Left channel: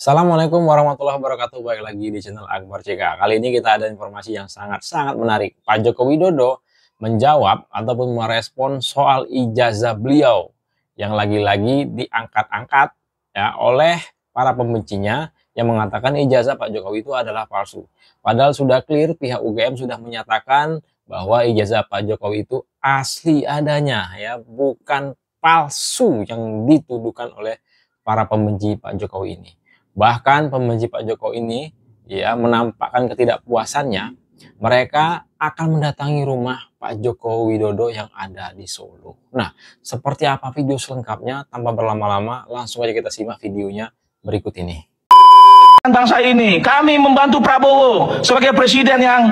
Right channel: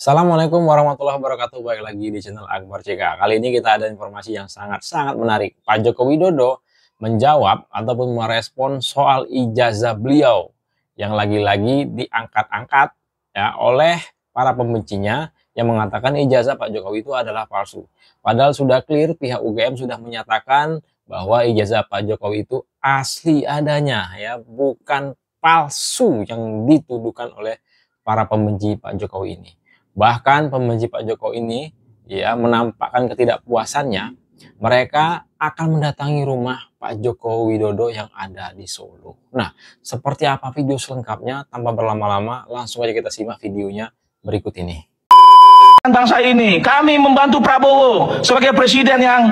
Assalamualaikum warahmatullahi wabarakatuh. Baik lagi di channel Akbar CK. Kali ini kita ada informasi yang sangat menarik. Pak Joko Widodo menjawab ataupun merespon soal ijazah beliau yang lagi-lagi diangkat-angkat ya oleh para pembencinya yang mengatakan ijazah Pak Jokowi itu adalah palsu. Padahal sudah clear, pihak UGM sudah menyatakan bahwa ijazah Pak Jokowi itu asli adanya ya, bukan palsu yang dituduhkan oleh para pembenci Pak Jokowi ini. Bahkan pembenci Pak Jokowi ini ya menampakkan ketidakpuasannya, mereka akan mendatangi rumah Pak Joko Widodo yang ada di Solo. Nah, seperti apa video selengkapnya? Tanpa berlama-lama, langsung aja kita simak videonya berikut ini. Bangsa ini, kami membantu Prabowo sebagai presiden yang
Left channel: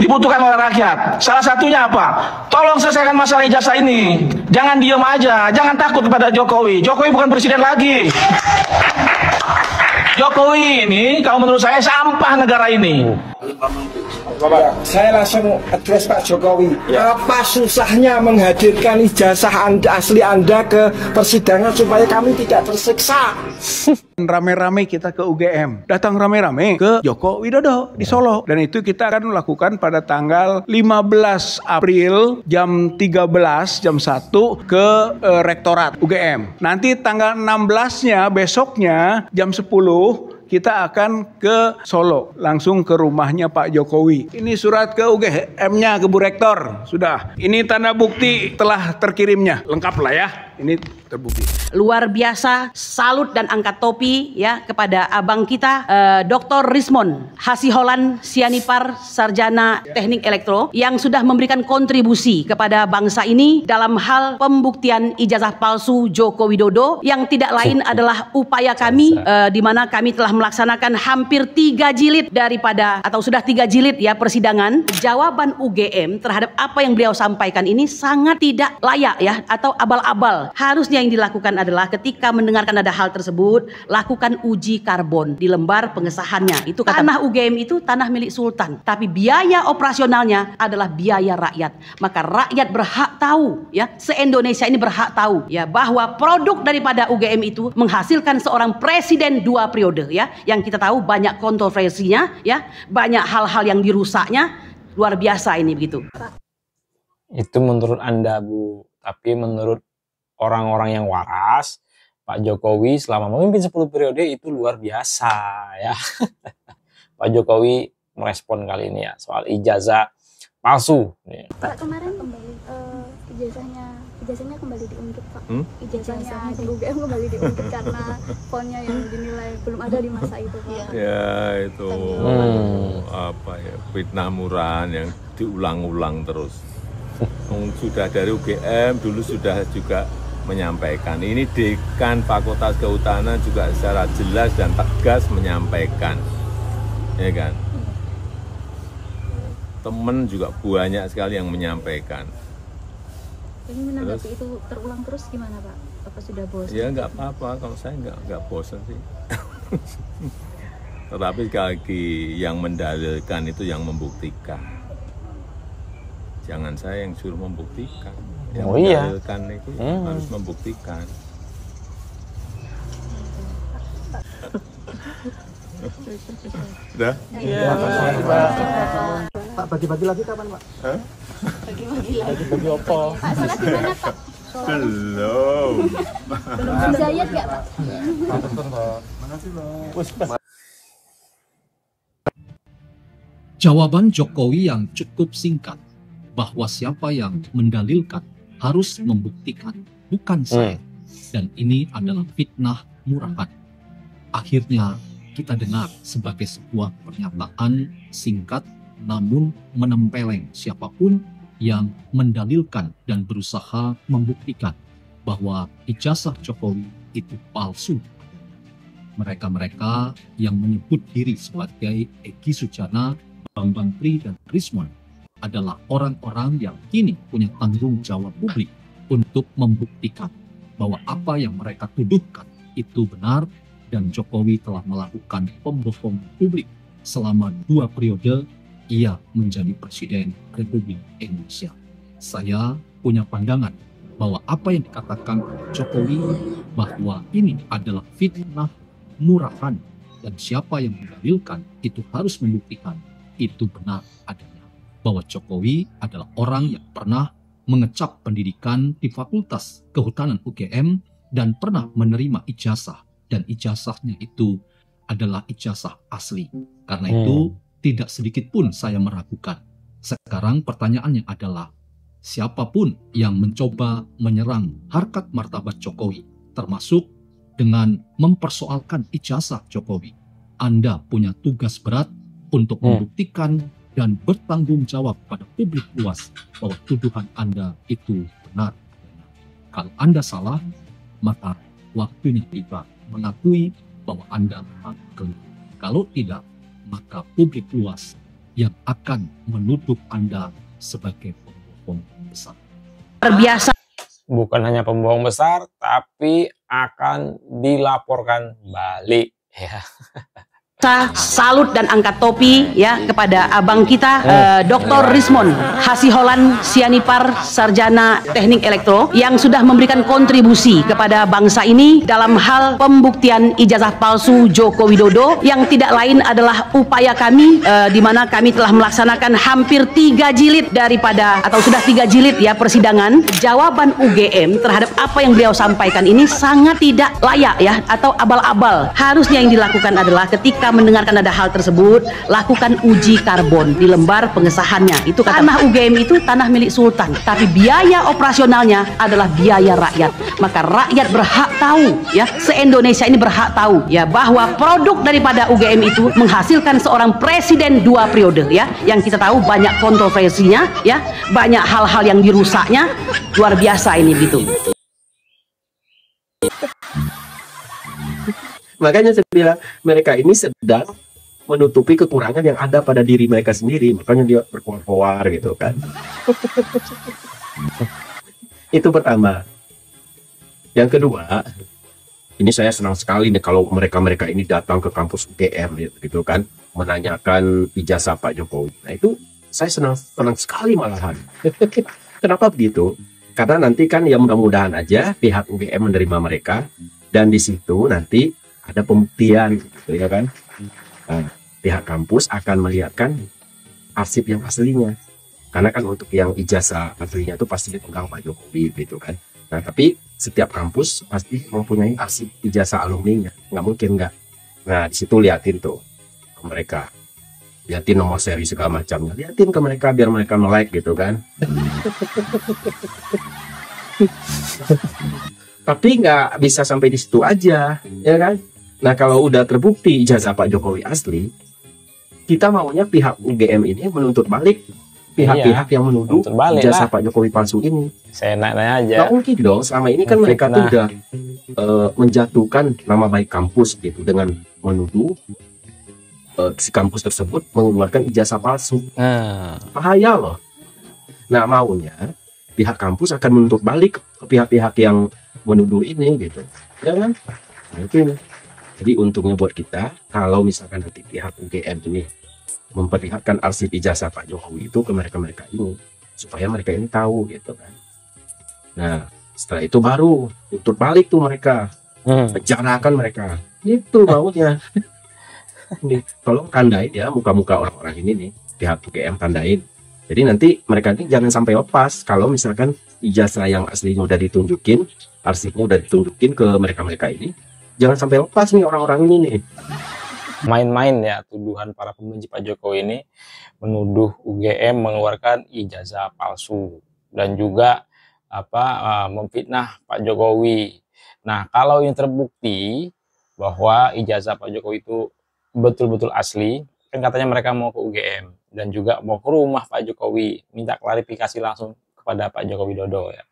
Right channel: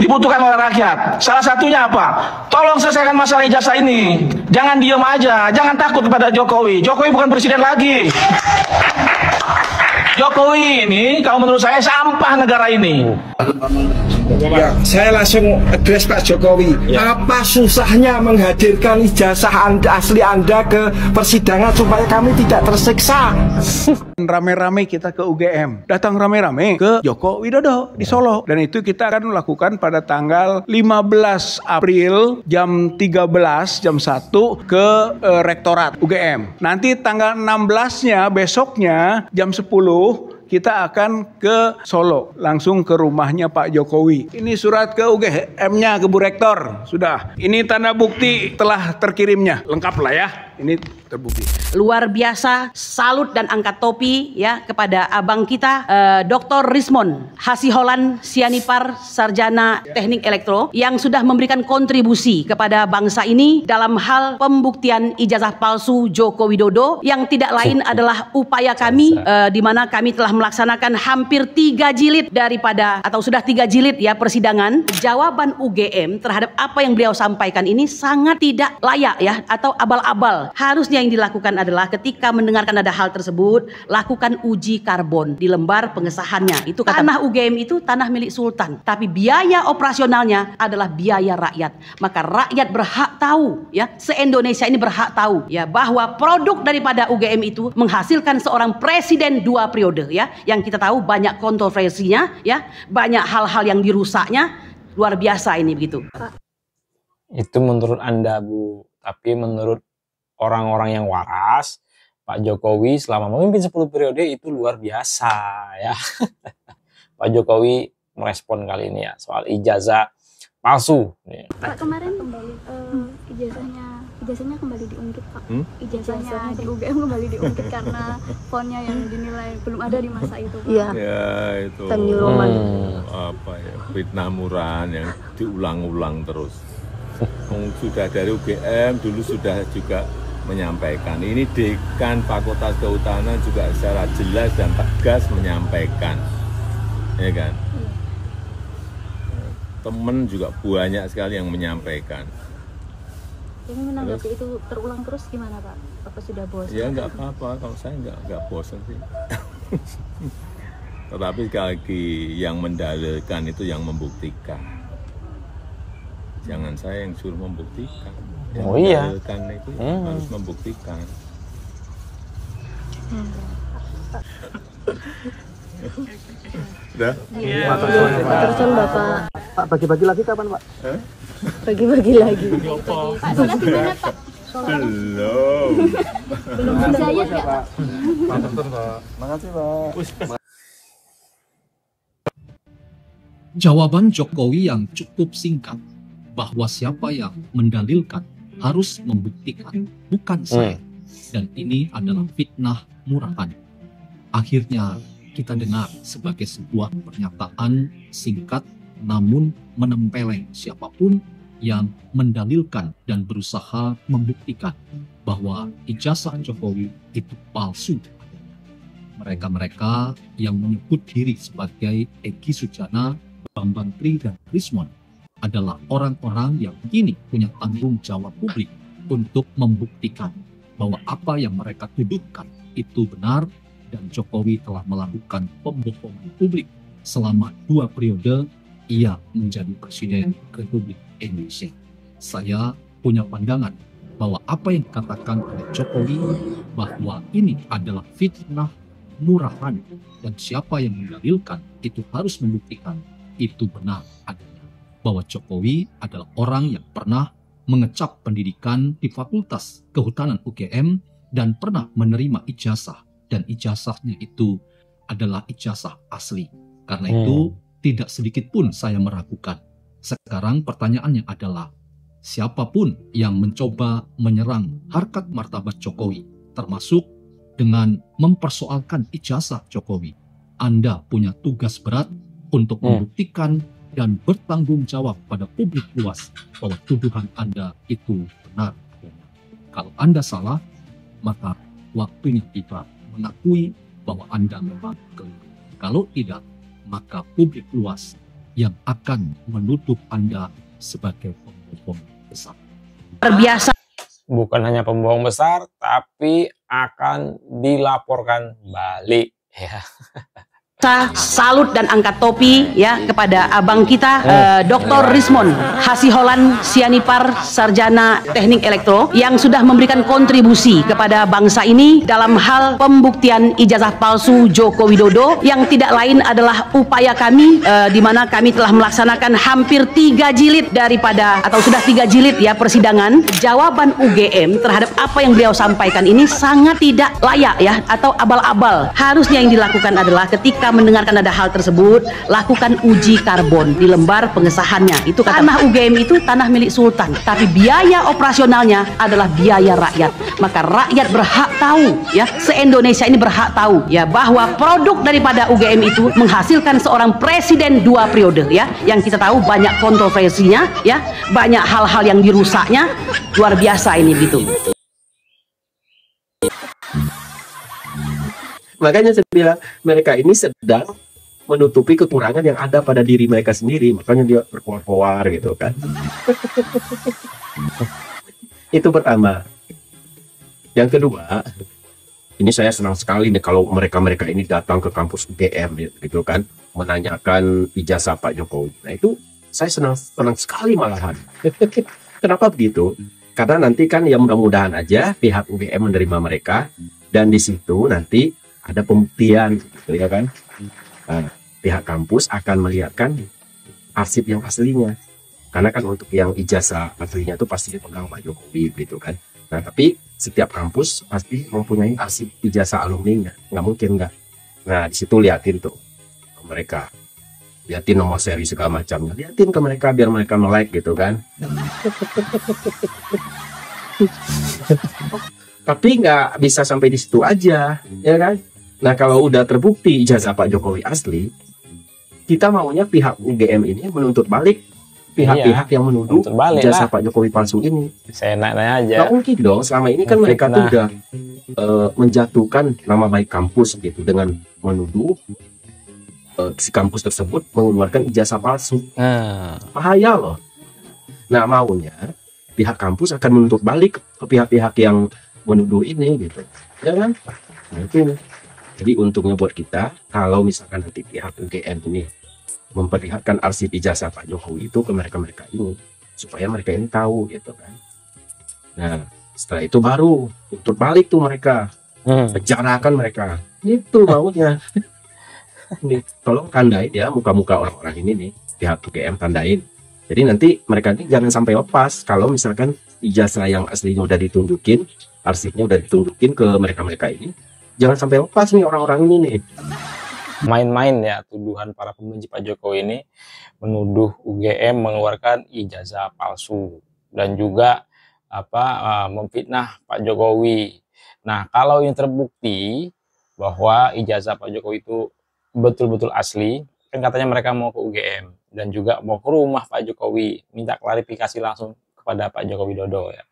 dibutuhkan oleh rakyat. Salah satunya apa? Tolong selesaikan masalah ijazah ini. Jangan diem aja, jangan takut kepada Jokowi. Jokowi bukan presiden lagi. Jokowi ini, kalau menurut saya, sampah negara ini. Ya, saya langsung address Pak Jokowi. Ya. Apa susahnya menghadirkan ijazah asli Anda ke persidangan supaya kami tidak tersiksa? Rame-rame kita ke UGM, datang rame-rame ke Joko Widodo di Solo. Dan itu kita akan melakukan pada tanggal 15 April jam 13, jam 1 ke Rektorat UGM. Nanti tanggal 16-nya besoknya jam 10 kita akan ke Solo, langsung ke rumahnya Pak Jokowi. Ini surat ke UGM-nya, ke Bu Rektor, sudah. Ini tanda bukti telah terkirimnya, lengkap lah ya. Ini terbukti. Luar biasa, salut dan angkat topi ya kepada abang kita Dr. Rismon Hasiholan Sianipar, Sarjana Teknik Elektro yang sudah memberikan kontribusi kepada bangsa ini dalam hal pembuktian ijazah palsu Joko Widodo yang tidak lain adalah upaya kami di mana kami telah melaksanakan hampir 3 jilid daripada atau sudah 3 jilid ya persidangan. Jawaban UGM terhadap apa yang beliau sampaikan ini sangat tidak layak ya atau abal-abal. Harusnya yang dilakukan adalah ketika mendengarkan ada hal tersebut, lakukan uji karbon di lembar pengesahannya. Itu kata tanah UGM itu tanah milik sultan, tapi biaya operasionalnya adalah biaya rakyat. Maka rakyat berhak tahu ya, se-Indonesia ini berhak tahu ya bahwa produk daripada UGM itu menghasilkan seorang presiden 2 periode ya, yang kita tahu banyak kontroversinya ya, banyak hal-hal yang dirusaknya, luar biasa ini begitu. Itu menurut Anda, Bu, tapi menurut orang-orang yang waras, Pak Jokowi selama memimpin 10 periode itu luar biasa ya. Pak Jokowi merespon kali ini ya soal ijazah palsu. Pak, kemarin kembali ijazahnya kembali diungkit, Pak. Ijazahnya di UGM kembali diungkit karena fontnya yang dinilai belum ada di masa itu. Iya. Ya itu apa ya, fitnah murahan yang diulang-ulang terus. Sudah dari UGM dulu sudah juga menyampaikan, ini Dekan Fakultas Kehutanan juga secara jelas dan tegas menyampaikan, ya kan? Temen juga banyak sekali yang menyampaikan. Yang menanggapi itu terulang terus gimana, Pak? Apa sudah bosan? Ya nggak apa-apa, kalau saya nggak bosan sih. Tetapi sekali lagi yang mendalilkan itu yang membuktikan. Jangan saya yang suruh membuktikan. Yang mendalilkan itu harus membuktikan. Udah? Iya. Pak, bagi-bagi lagi kapan, Pak? Bagi-bagi lagi. Pak, makasih banyak, Pak. Belum. Belum Zayed nggak, Pak? Makasih, Pak. Jawaban Jokowi yang cukup singkat bahwa siapa yang mendalilkan harus membuktikan, bukan saya. Dan ini adalah fitnah murahan. Akhirnya kita dengar sebagai sebuah pernyataan singkat namun menempeleng siapapun yang mendalilkan dan berusaha membuktikan bahwa ijazah Jokowi itu palsu. Mereka-mereka yang menyebut diri sebagai Egy Sujana, Bambang Tri, dan Rismon adalah orang-orang yang kini punya tanggung jawab publik untuk membuktikan bahwa apa yang mereka tuduhkan itu benar dan Jokowi telah melakukan pembohongan publik selama 2 periode ia menjadi Presiden Republik Indonesia. Saya punya pandangan bahwa apa yang dikatakan oleh Jokowi bahwa ini adalah fitnah murahan, dan siapa yang mendalilkan itu harus membuktikan itu benar adanya. Bahwa Jokowi adalah orang yang pernah mengecap pendidikan di Fakultas Kehutanan UGM dan pernah menerima ijazah, dan ijazahnya itu adalah ijazah asli. Karena itu tidak sedikit pun saya meragukan. Sekarang pertanyaannya adalah, siapapun yang mencoba menyerang harkat martabat Jokowi, termasuk dengan mempersoalkan ijazah Jokowi, Anda punya tugas berat untuk membuktikan dan bertanggung jawab pada publik luas bahwa tuduhan Anda itu benar. Kalau Anda salah, maka waktunya tiba mengakui bahwa Anda memang keliru. Kalau tidak, maka publik luas yang akan menuduh Anda sebagai pembohong besar. Terbiasa Bukan hanya pembohong besar, tapi akan dilaporkan balik. Ya. salut dan angkat topi ya kepada abang kita Dr. Rismon Hasiholan Sianipar Sarjana Teknik Elektro yang sudah memberikan kontribusi kepada bangsa ini dalam hal pembuktian ijazah palsu Joko Widodo yang tidak lain adalah upaya kami di mana kami telah melaksanakan hampir 3 jilid daripada atau sudah 3 jilid ya persidangan. Jawaban UGM terhadap apa yang beliau sampaikan ini sangat tidak layak ya atau abal-abal. Harusnya yang dilakukan adalah ketika mendengarkan ada hal tersebut, lakukan uji karbon di lembar pengesahannya. Itu kata tanah UGM itu tanah milik sultan, tapi biaya operasionalnya adalah biaya rakyat. Maka rakyat berhak tahu ya, se-Indonesia ini berhak tahu ya bahwa produk daripada UGM itu menghasilkan seorang presiden 2 periode ya, yang kita tahu banyak kontroversinya ya, banyak hal-hal yang dirusaknya, luar biasa ini gitu. Makanya saya bilang mereka ini sedang menutupi kekurangan yang ada pada diri mereka sendiri. Makanya dia berkoar-koar gitu kan. Itu pertama. Yang kedua, ini saya senang sekali nih kalau mereka-mereka ini datang ke kampus UGM gitu kan, menanyakan ijazah Pak Jokowi. Saya senang sekali malahan. Kenapa begitu? Karena nanti kan ya mudah-mudahan aja pihak UGM menerima mereka, dan di situ nanti ada pembuktian, ya kan? Pihak kampus akan melihatkan arsip yang aslinya. Karena kan untuk yang ijazah aslinya itu pasti dipegang Pak Jokowi, gitu kan? Nah, tapi setiap kampus pasti mempunyai arsip ijazah alumninya. Nggak mungkin nggak. Nah, di situ liatin tuh ke mereka. Liatin nomor seri segala macamnya. Liatin ke mereka biar mereka melek, gitu kan? Tapi nggak bisa sampai di situ aja, ya kan? Nah, kalau udah terbukti ijazah Pak Jokowi asli, kita maunya pihak UGM ini menuntut balik pihak-pihak yang menuduh ijazah Pak Jokowi palsu ini. Saya nanya aja. Nggak mungkin dong, selama ini kan mereka tuh udah menjatuhkan nama baik kampus gitu dengan menuduh si kampus tersebut mengeluarkan ijazah palsu. Bahaya loh. Nah, maunya pihak kampus akan menuntut balik ke pihak-pihak yang menuduh ini gitu. Ya kan? Mungkin. Jadi untungnya buat kita, kalau misalkan nanti pihak UGM ini memperlihatkan arsip ijazah Pak Jokowi itu ke mereka-mereka ini, supaya mereka ini tahu gitu kan. Nah, setelah itu baru tutup balik tuh mereka, penjarakan mereka. Itu maunya. Tolong tandain ya muka-muka orang-orang ini nih, pihak UGM tandain. Jadi nanti mereka ini jangan sampai lepas kalau misalkan ijazah yang aslinya udah ditunjukin, arsipnya udah ditunjukin ke mereka-mereka ini. Jangan sampai lepas nih orang-orang ini nih. Main-main ya tuduhan para pembenci Pak Jokowi ini menuduh UGM mengeluarkan ijazah palsu dan juga memfitnah Pak Jokowi. Nah, kalau ini terbukti bahwa ijazah Pak Jokowi itu betul-betul asli, kan katanya mereka mau ke UGM dan juga mau ke rumah Pak Jokowi minta klarifikasi langsung kepada Pak Joko Widodo ya.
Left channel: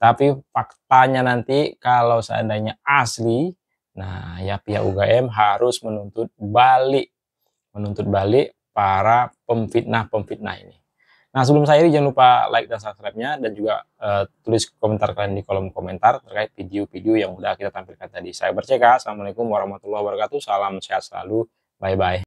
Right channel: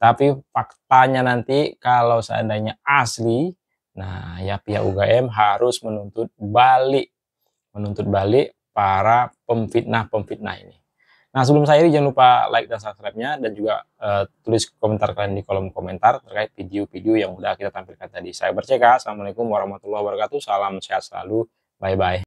Tapi faktanya nanti kalau seandainya asli, nah ya pihak UGM harus menuntut balik para pemfitnah ini. Nah, sebelum saya ini jangan lupa like dan subscribe-nya dan juga tulis komentar kalian di kolom komentar terkait video-video yang udah kita tampilkan tadi. Saya Berceka, assalamualaikum warahmatullahi wabarakatuh, salam sehat selalu, bye-bye.